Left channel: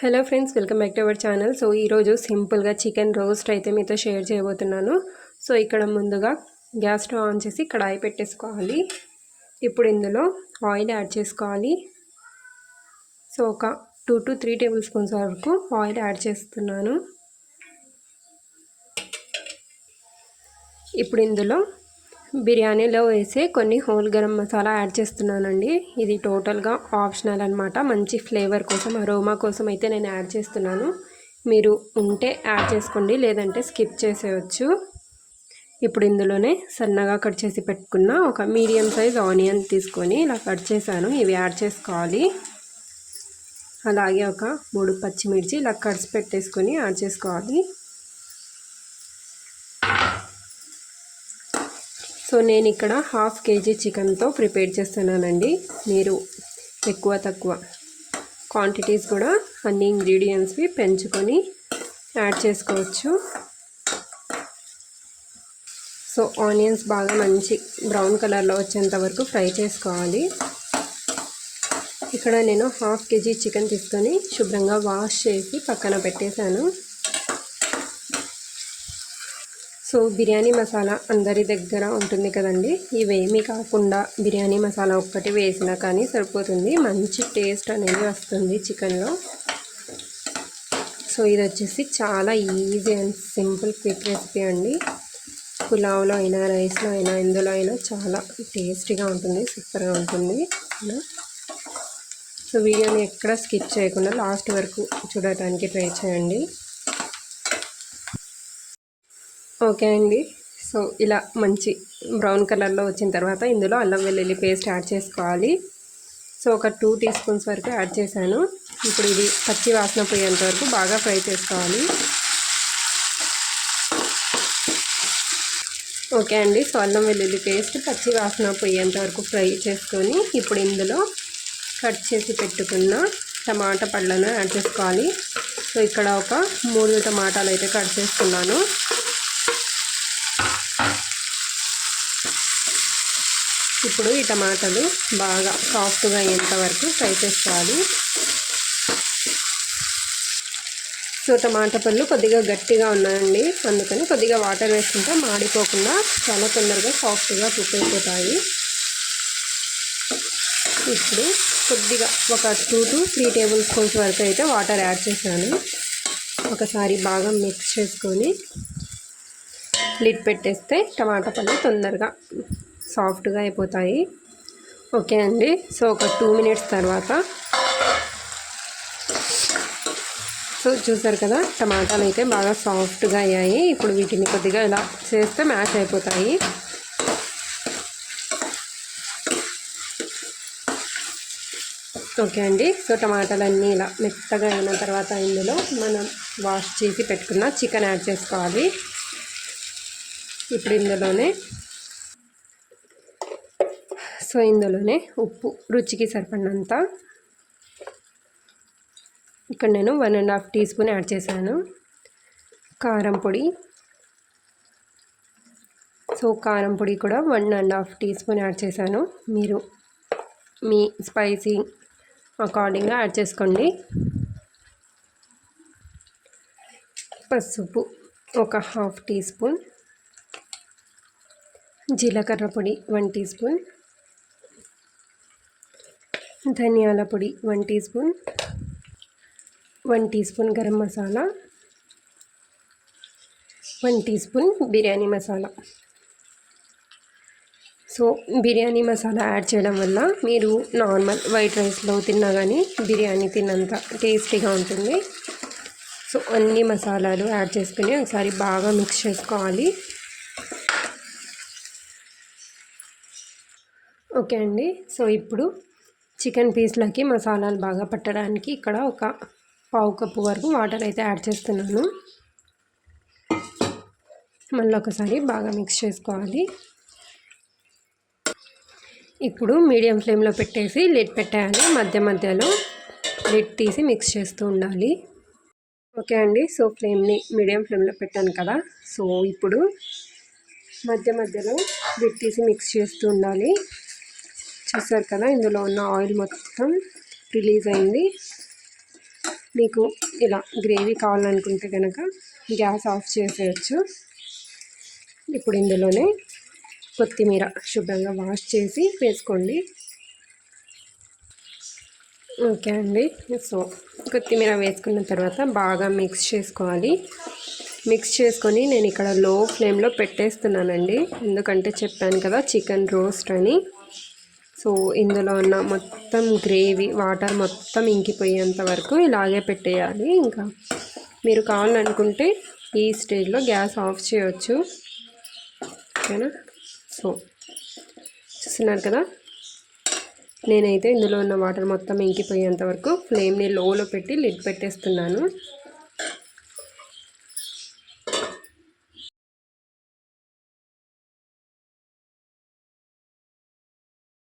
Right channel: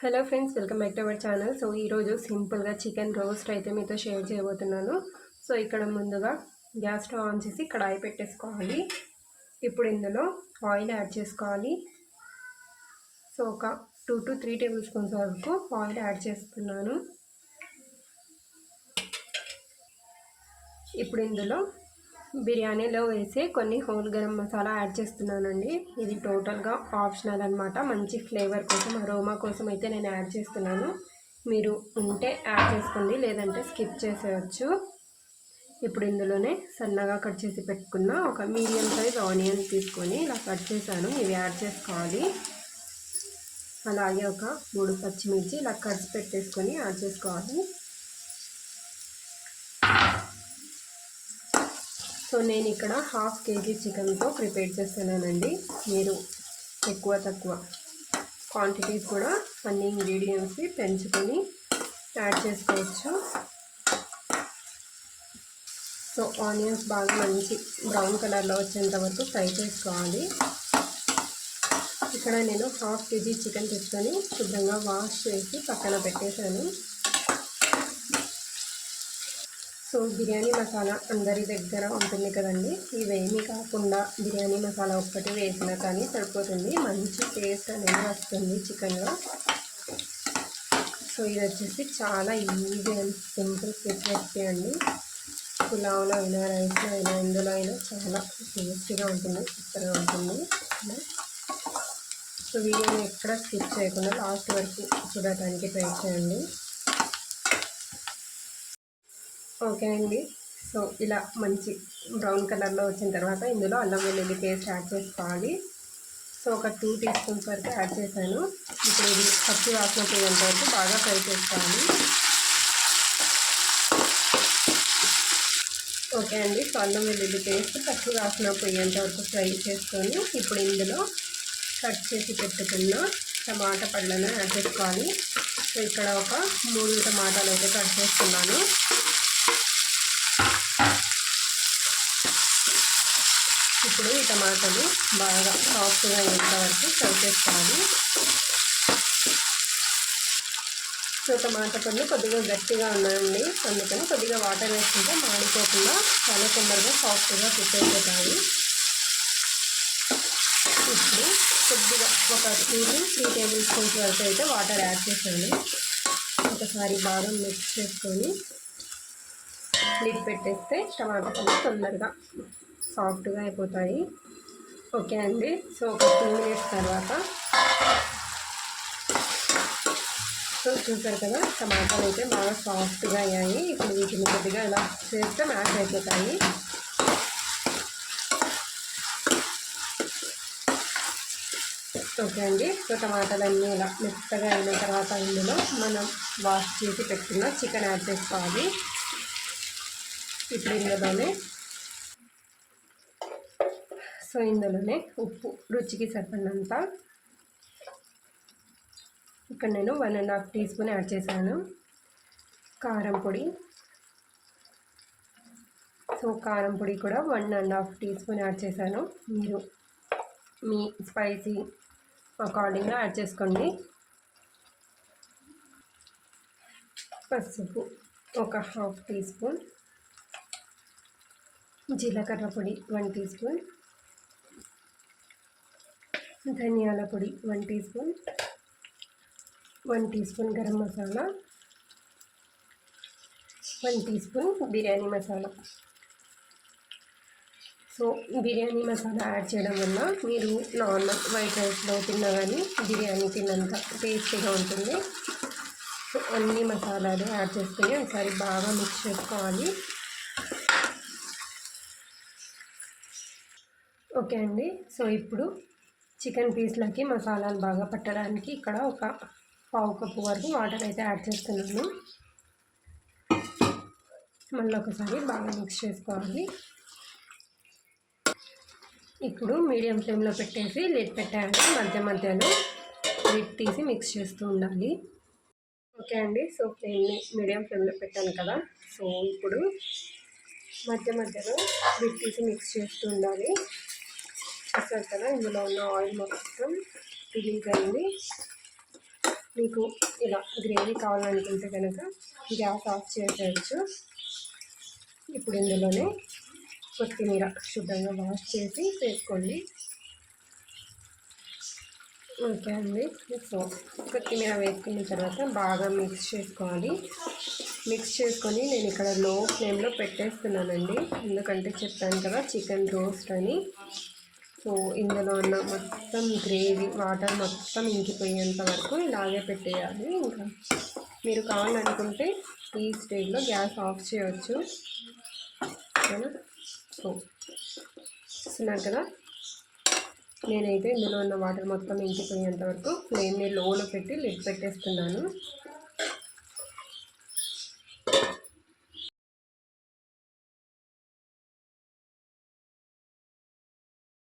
Hello friends welcome back to our channel. So ఈరోజు సింపుల్గా chicken roast అయితే మీతో షేర్ చేయబోతున్నాను. సో ఇక్కడ ముందుగా గ్యాస్ స్టవ్ ఆన్ చేసి కడాయి పెట్టేసుకోవాలి. ఇప్పుడు ఇందులో ఆయిల్ యాడ్ చేసుకోవాలి. సో ఒక two to three table spoons వరకు ఆయిల్ యాడ్ చేస్తున్నాను. ఇప్పుడు ఇందులో బిర్యానీలో వేసే కొన్ని హోల్ గరం మసాలా యాడ్ చేస్తున్నానండి. ఇది టోటల్గా ఆప్షనల్ అనమాట మంచి ఫ్లేవర్ కోసం అరోమా కోసం అయితే నేను యాడ్ చేస్తున్నాను. మీరు ఉంటే యాడ్ చేసుకోండి లేదంటే స్కిప్ చేసేయచ్చు. ఇప్పుడు ఇందులోనే సన్నగా కట్ చేసి పెట్టుకున్న ఒక మీడియం సైజ్ ఆనియన్ తీసుకొని ఇలా కట్ చేశాను. ఇవి యాడ్ చేసుకోవాలి. అలాగే ఒక మూడు పచ్చిమిర్చి ఇలా కట్స్ పెట్టేసుకొని యాడ్ చేసుకోవాలి. సో నేను ఇక్కడ హాఫ్ కేజీ చికెన్తో ప్రిపేర్ చేస్తున్నానండి. మీరు ఎక్కువ తక్కువ క్వాంటిటీస్ కూడా అన్ని ఇంగ్రీడియంట్స్వి పెంచుకొని యాడ్ చేసుకోవచ్చు. సో ఆనియన్స్ బాగా మంచి బ్రౌన్ కలర్లో వచ్చేంత వరకు ఫ్రై చేసుకోవాలి. ఇక్కడ నేను హాఫ్ కేజీ చికెన్ తీసుకొని శుభ్రంగా వాష్ చేసి పక్కన పెట్టేశాను. సో బిర్యానీ మసాలా అందరి దగ్గర ఉంటుంది కదండి. ఇవేమీ కాకుండా బిర్యానీ మసాలా ఒక్కటి వేసినా కానీ సరిపోతుంది. మంచి టేస్ట్ అనేది వస్తుంది చికెన్లో. సో ఇది వచ్చేసి చాలా easy and simple quick recipe అండి. పులావ్లో అయినా రైస్లో అయినా ఇందులో అయినా చాలా టేస్టీగా ఉంటుంది సూపర్గా ఉంటుంది. సో వీడియోని ఎక్కడ స్కిప్ చేయకుండా లాస్ట్ వరకు చూడటానికి ట్రై చేయండి. ఓకే అండి. సో ఇలా మంచి బ్రౌన్ కలర్లో వచ్చిన తర్వాత ఇందులో అల్లం వెల్లుల్లి పేస్ట్ యాడ్ చేసుకోవాలి. సో ఒక టూ టీ స్పూన్స్ వరకు యాడ్ చేశాను. ఇప్పుడు ఇది పచ్చి వాసన పోయేంత వరకు బాగా ఫ్రై చేసుకోవాలి. ఓకే అండి. సో అల్లం వెల్లుల్లి పేస్ట్ పచ్చి వాసన పోయేంత వరకు ఫ్రై చేసుకొని ఇప్పుడు ఇందులో కట్ చేసి పెట్టుకున్న టమాటా పళ్ళను యాడ్ చేసుకోవాలి. సో ఇక్కడ ఒక మూడు టమాటాలు అయితే కట్ చేసుకున్నాను. ఇప్పుడు ఈ టమాటాలు బాగా సాఫ్ట్గా అయ్యేంత వరకు ఫ్రై చేసుకోవాలి. సో టమాటా పళ్ళు కొద్దిగా గట్టిగా ఉన్నాయండి. అందుకని కొద్దిగా వాటర్ వేసుకుంటే మాడిపోకుండా చాలా తొందరగా సాఫ్ట్గా కుక్ అయిపోతాయి. ఇప్పుడు కొద్దిగా ఒక two to three table spoons వరకు అయితే వాటర్ యాడ్ చేశాను. ఒకసారి బాగా మిక్స్ చేసుకొని లిడ్ పెట్టేస్తే టమాటా పళ్ళు తొందరగా సాఫ్ట్గా అయిపోతాయి. ఓకే అండి. సో ఒక టూ మినిట్స్ తర్వాత సో చూసారు కదా టమాటాలు అయితే బాగా సాఫ్ట్గా అయ్యాయి. ఇప్పుడు వీటిని కొద్దిగా ఇలా చేస్తే మ్యాష్ అయిపోతాయి. ఓకే అండి. సో టమాటాలన్నీ ఇలా మెత్తగా అయిన తర్వాత ఇందులో మనం వాష్ చేసి పెట్టుకున్న చికెన్ యాడ్ చేసుకోవాలి. ఇప్పుడు ఇందులోనే సో ఇందులోనే ఉప్పు రుచికి సరిపడినంత. ఇక్కడ నేను one and half teaspoon add చేశాను. కారం పొడి. సో కారం పొడి కూడా one and half teaspoon add చేశాను. మీరు మీ స్పైసీ అకార్డింగ్గా యాడ్ చేసుకోండి. పసుపు ఒక హాఫ్ టీ స్పూన్. జీలకర్ర పొడి వన్ టీ స్పూన్. ధనియాల పొడి one teaspoon one teaspoon garam masala one teaspoon biryani masala. So biryani masala add చేయడం వల్ల మీరు నార్మల్ వైట్ రైస్లో తిన్నా కానీ బిర్యానీ తిన్నంత టేస్టీగా ఉంటుంది. సో అన్ని మసాలాలు యాడ్ చేసుకుని ఒకసారి బాగా మిక్స్ చేసుకోవాలి. ఓకే అండి. సో ఇప్పుడు చికెన్ పీస్లకి మసాలాలు బాగా పట్టడానికి ఇక్కడ ఒక పావు కప్పు వరకు వాటర్ అయితే యాడ్ చేస్తున్నాను. మళ్ళీ ఒకసారి బాగా మిక్స్ చేసుకోవాలి. ఇప్పుడు మీడియం ఫ్లేమ్లో పెట్టేసి లిడ్ పెట్టేయాలి. మధ్య మధ్యలో లిడ్ తీసి మిక్స్ చేస్తూ ఉండాలి. ఓకే అండి సో ఫ్లేమ్ని మీడియం ఫ్లేమ్లో పెట్టాను కదా. సో ఇప్పుడు మధ్య మధ్యలో లిడ్ తీసి మిక్స్ చేస్తూ ఉండాలి. చూసారు కదా ఇందులో ఉన్న ఆయిల్ మొత్తం రిలీజ్ అయింది. మీకు ఇలా గ్రేవీ కావాలనుకుంటే కనుక గ్యాస్ ఆఫ్ చేసేయచ్చు. ఇప్పుడు ఇందులోనే కొత్తిమీర శుభ్రంగా వాష్ చేసి వేసుకోండి. ఓకే అండి. సో కొత్తిమీర వేసుకున్న తర్వాత బాగా మిక్స్ చేసుకోవాలి. మిక్స్ చేసుకొని నేను ఇక్కడ లో ఫ్లేమ్లో పెట్టేస్తున్నానండి. ఎందుకంటే చెప్పాను కదా చికెన్ రోస్ట్ అని. సో ఇందులో ఉన్న మొత్తం గ్రేవీ వాటర్ మొత్తం ఇంకిపోయేంత వరకు ఇలాగే పెట్టేయాలి. ఇంకా మీరు కావాలనుకుంటే ఈ స్టేజ్లో గ్యాస్ ఆఫ్ చేయవచ్చు ఓకేనా? సో చూస్తున్నారు కదా? నేనైతే ఇందులో ఉన్న వాటర్ మొత్తం ఇంకిపోయేంత వరకు ఫ్లేమ్ని లోలో పెట్టి లిడ్ పెట్టేస్తున్నాను.